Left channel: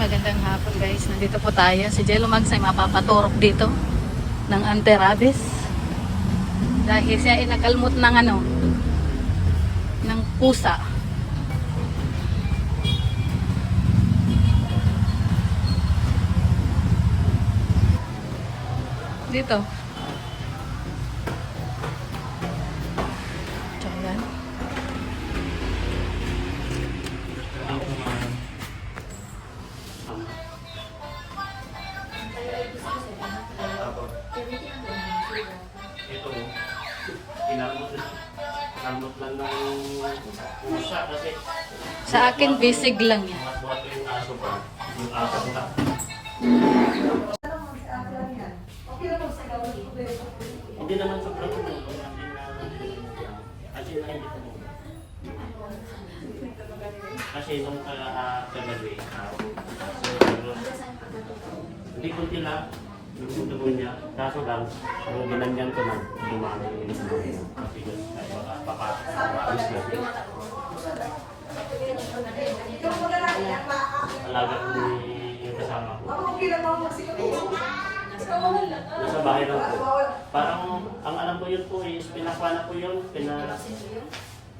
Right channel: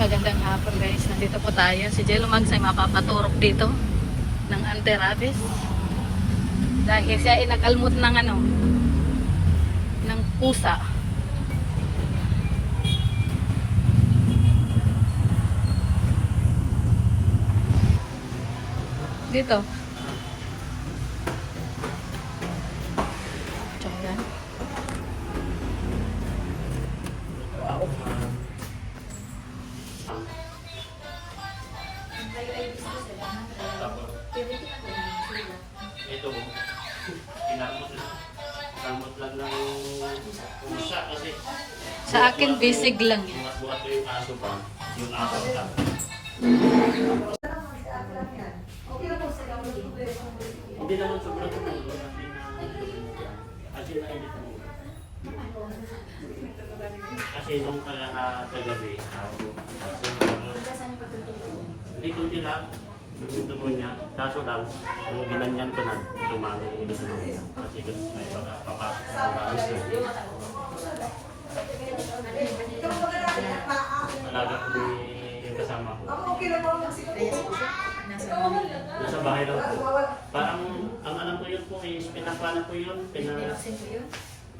Magandang hapon guys. Nandito po tayo. Si Jello Mags ay mapapaturok dito ng anti-rabies. Dahil siya ay nakalmot ng ng pusa. Dito. So, yan. Ito, kinamot lang ng pusa kasi Sa akin, basic lang yan. buhat ko yung aso pa, yung aso pa. Hindi naman sobrang kasi na hindi ko. Kasi nung kagabi, hindi ko tila, nung niya, kaso lang, nung ginanyan ko na, dumami yung ito niya. Kasi baka papasok sa alis na. Alaga ko yung kasama ko. Nasa bahay lang po. Parang, ang alam ko yun po is, pinakwana ko yun,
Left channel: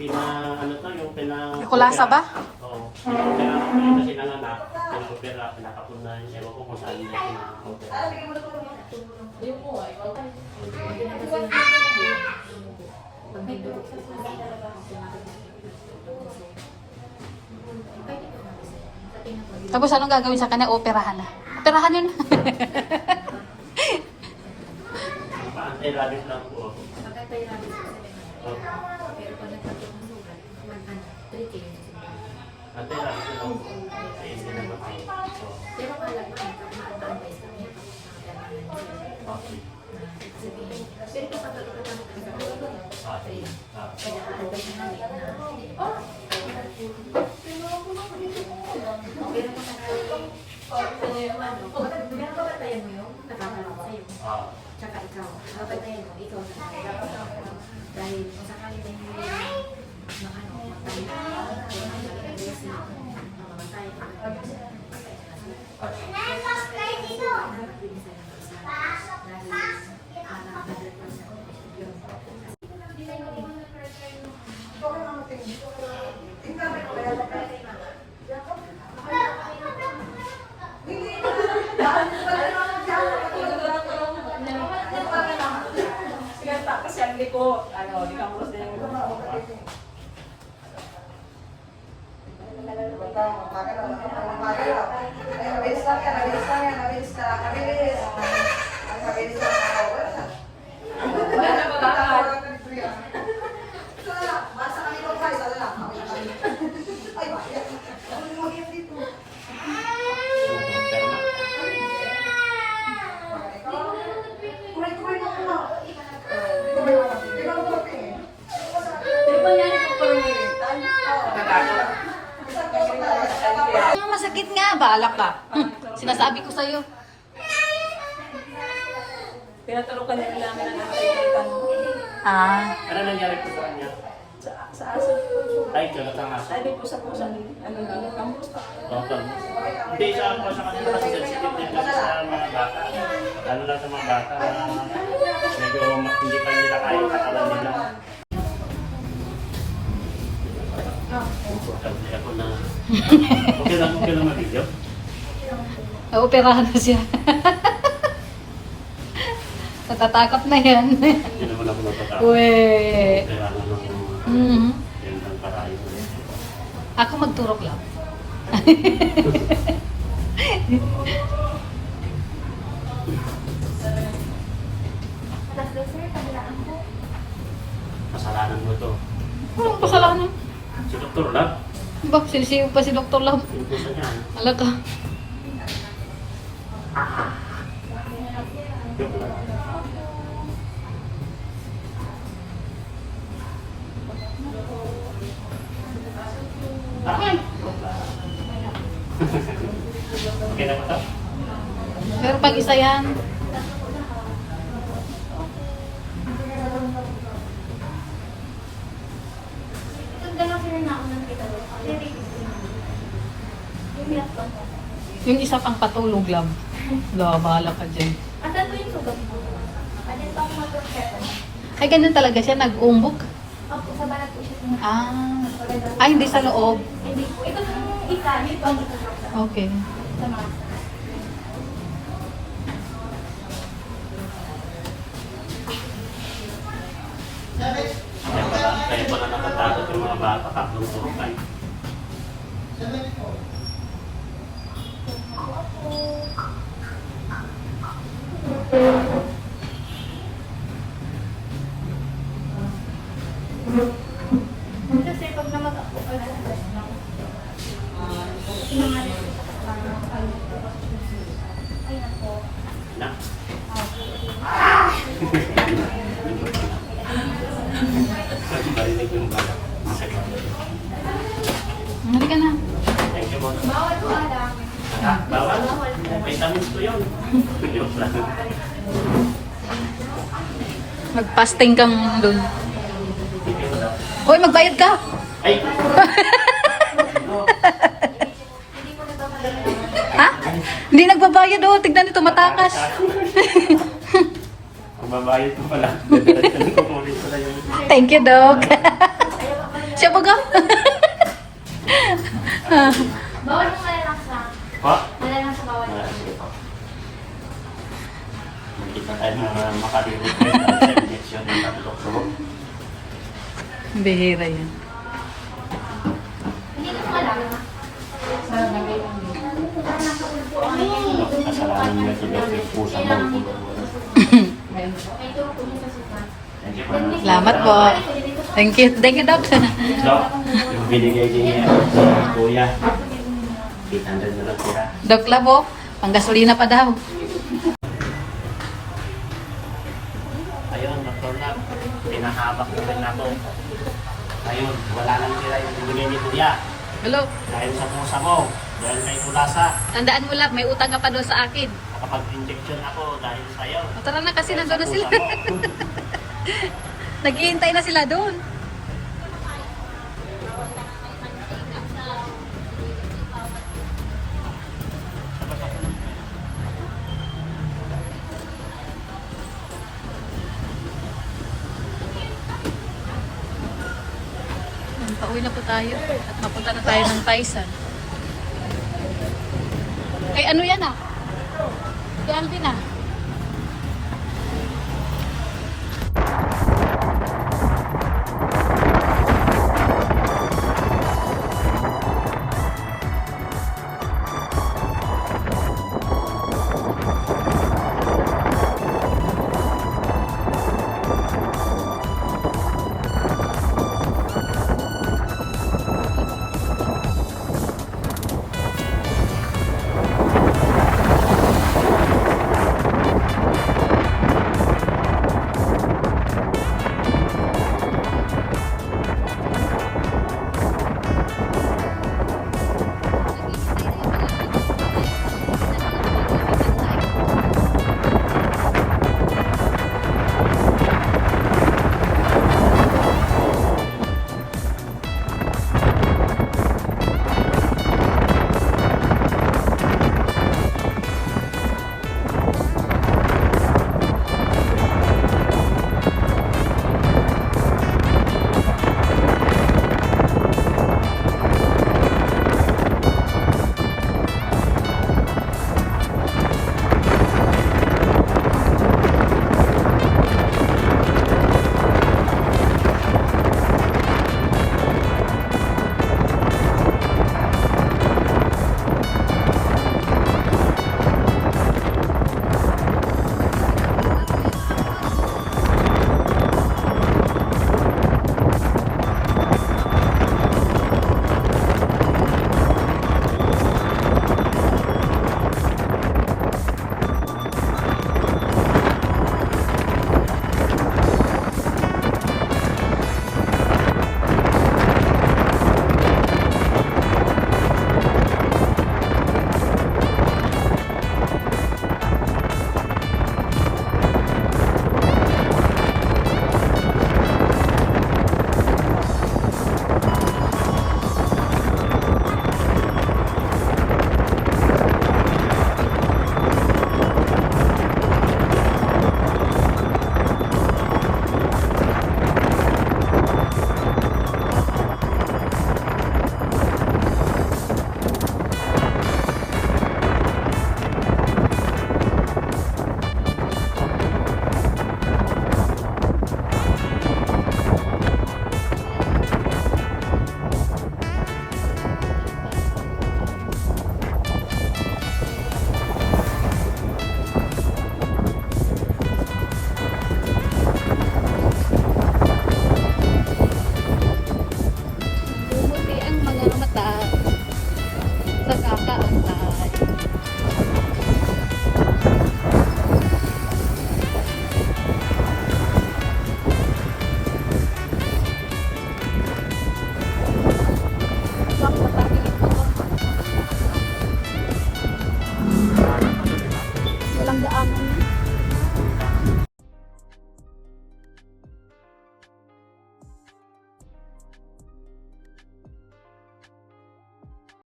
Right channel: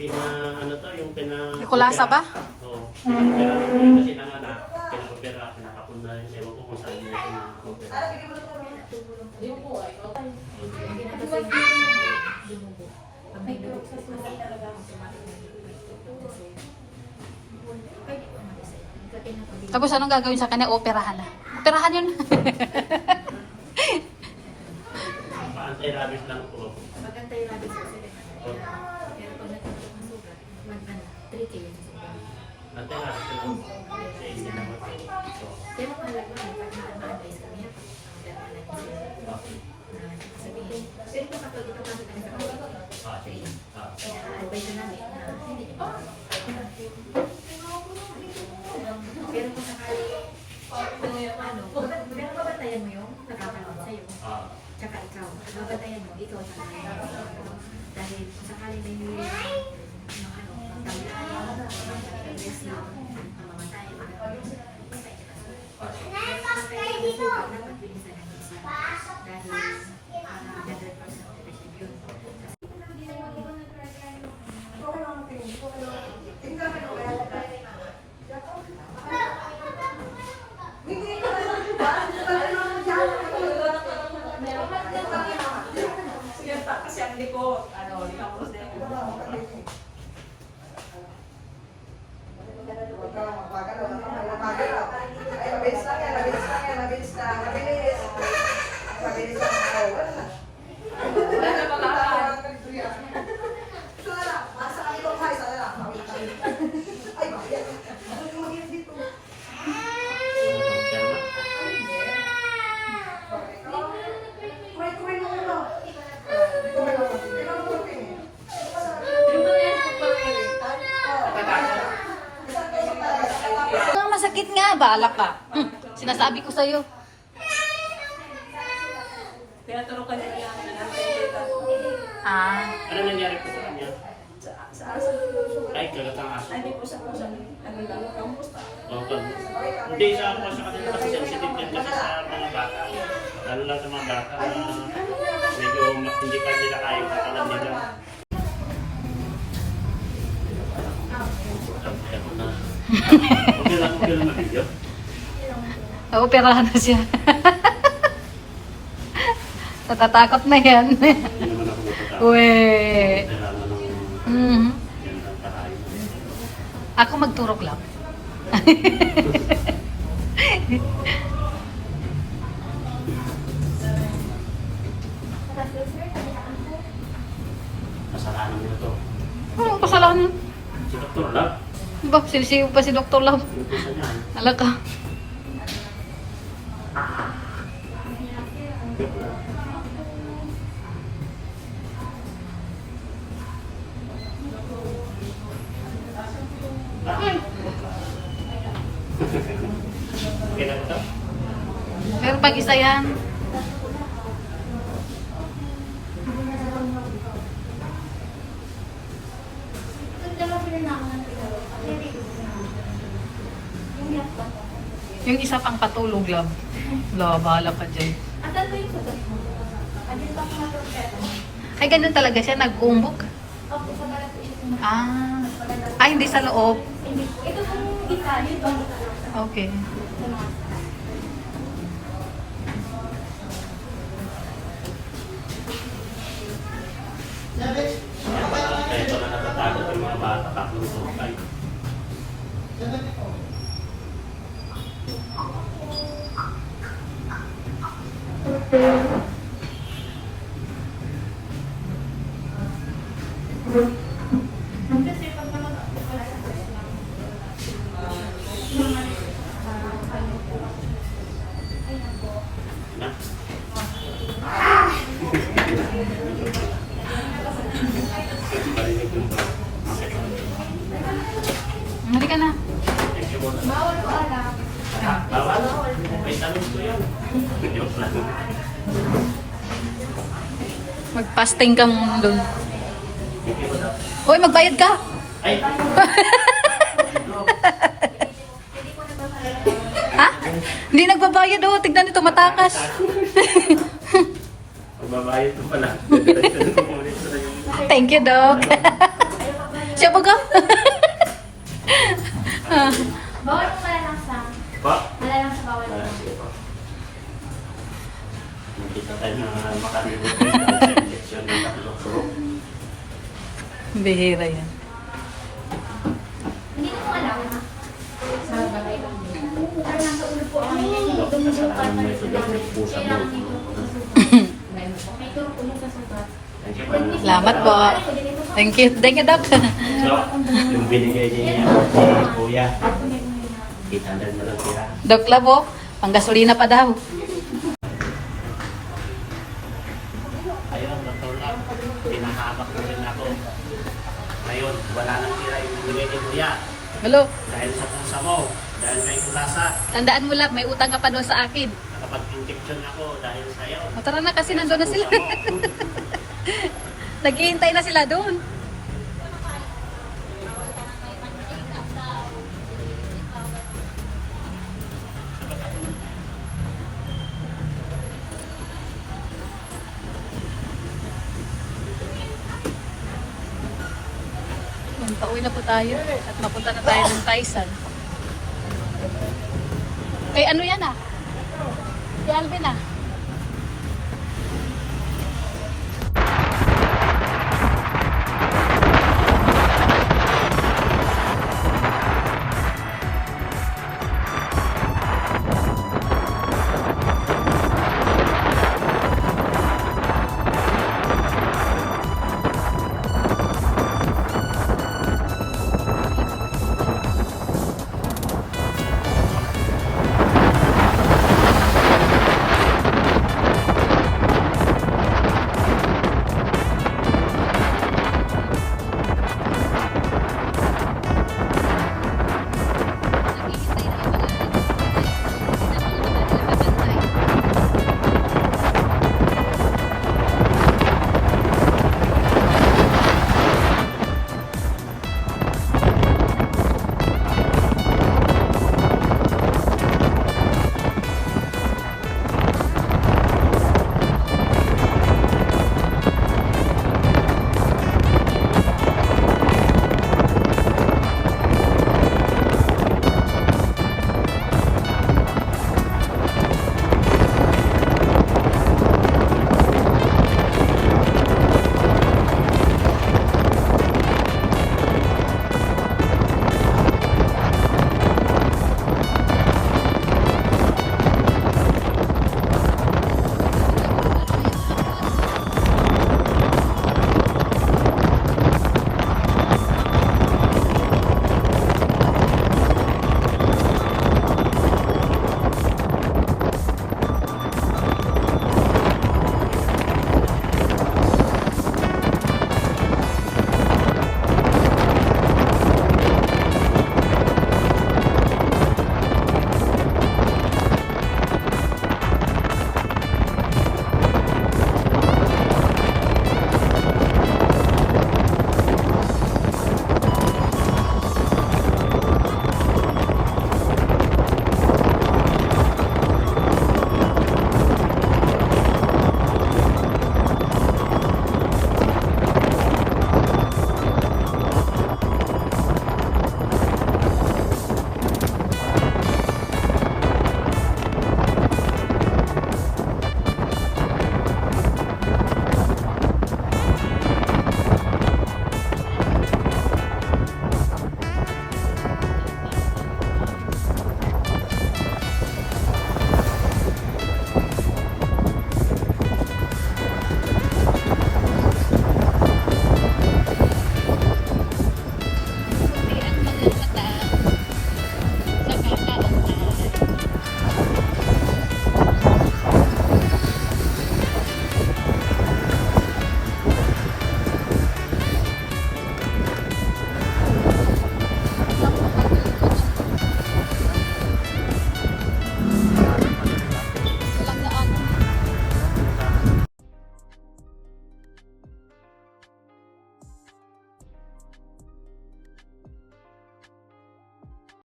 yung Kulasa ba? Oo. Pinakopera ko yun kasi nanganak. Pinakopera, pinakapunan. Ewan ko kung saan yung pinakopera. Tapos anong gagawin sa kanya? Operahan na. Operahan yun. Anti-rabies lang po. Pag-anti-rabies po sila pero pag nagkakaroon ng sugat, treat yun sa sugat. Anti-rabies lang po. Sa hindi na po. Pero alam mo, mag-advise kami sabihin. Pero kung kapag itatanong ka sa kanila, kaya advise na namin na hindi. Pero kung sakali, pero babatayan mo yung nakakalong sa'yo. Tsaka ikaw, babatayan mo, ito sa kanila. Dahil kung sakali na hindi kasi ang liko, di ka mo sila yung Masakit nga, balak ka. Sinasabi ko sa'yo. pinatulukan nila namin ang antay-taytan. Ano nangyari po sa kanya? Sa aso. Ay, kalat ang aso. Ay, di po sa pusa. Kamusta? Okay. Hindi, sa ako sa kanila kasi sensitive din kasi sa mga bata. Lalo lang sa mga bata na medyo hindi pa nila kaya yung katawan nila. Ako na. Okay lang na video. Operahan na siya. Natatakot na yan. Hindi naman ako natatakot. Uy. Kailangan ng yan ang parahin. Ako magturok lang. Kasalanan mo to. Anong kasalanan? Si Dr. Lab. Ba, silisiw pa si Dr. Love. Yung pusa niya. Ala ka. Joke lang. Okay na ba ito? Meron pag isa yan. Yung isa pang patulog lang. Wala, bahala ka dyan. Asan ko yung sugat mo? Andito ako mag-propeta. Ay, ganun talaga siya, nag-umbok. Opo, sa balat po siya tumataas. Ay, hindi sa loob. Hindi po. Ito yung isa, dito ang Okay. sa mga. Kaya pala natatakot yung mga bata, tatlong tayo. Kasi pag namag-ako pala, ayun po. Na? Balinig yung bata. Mari ka na. Thank you muna. Bawal po alam. Bawal. Vitamins ko yun. Yung plan. Mag-fasting kang doon. Thank you daw. Hoy, magbayad ka! Ay! Ha? Hindi nagbabayad oh. Tignan ito, matakas. Magbabayad ko pala. Diretso ko ulit pala yung... Thank you, Doc. Siya ba ka? Bawal po wala lang sa. Ha? Wala lang sa bawal. Makikita tayo na makalimutan sa injection ng doktor. Bihira yan. Hindi ko malaman. Parang nasa ulo po ako. Kasalanan mo ito dahil may pusa mo. May turok po niya sa sugat. Thank you po. Salamat po. Thank you. Thank you, Doc. Doc, yung binigay niya si Kuya. 800 na lang siya. Doc Labok, panggasolina pa daw. Ayun, Dr. Lab, pinahabak ko rin ako. Ngayon, wala nang tira yung binigay ni Kuya. Hello. Dahil sa pusa mo, dahil kay Kulasa, Tandaan mo lang, may utang ka pa doon sa akin. nakapag-injection ako dahil sa'yo. O, tara na kasi nandun na Pusa sila. mo. Naghihintay na sila doon. Yan, pauwi na po tayo at mapunta na tayo ng Taisan. Eh, ano yan ah? Si Alvin ah.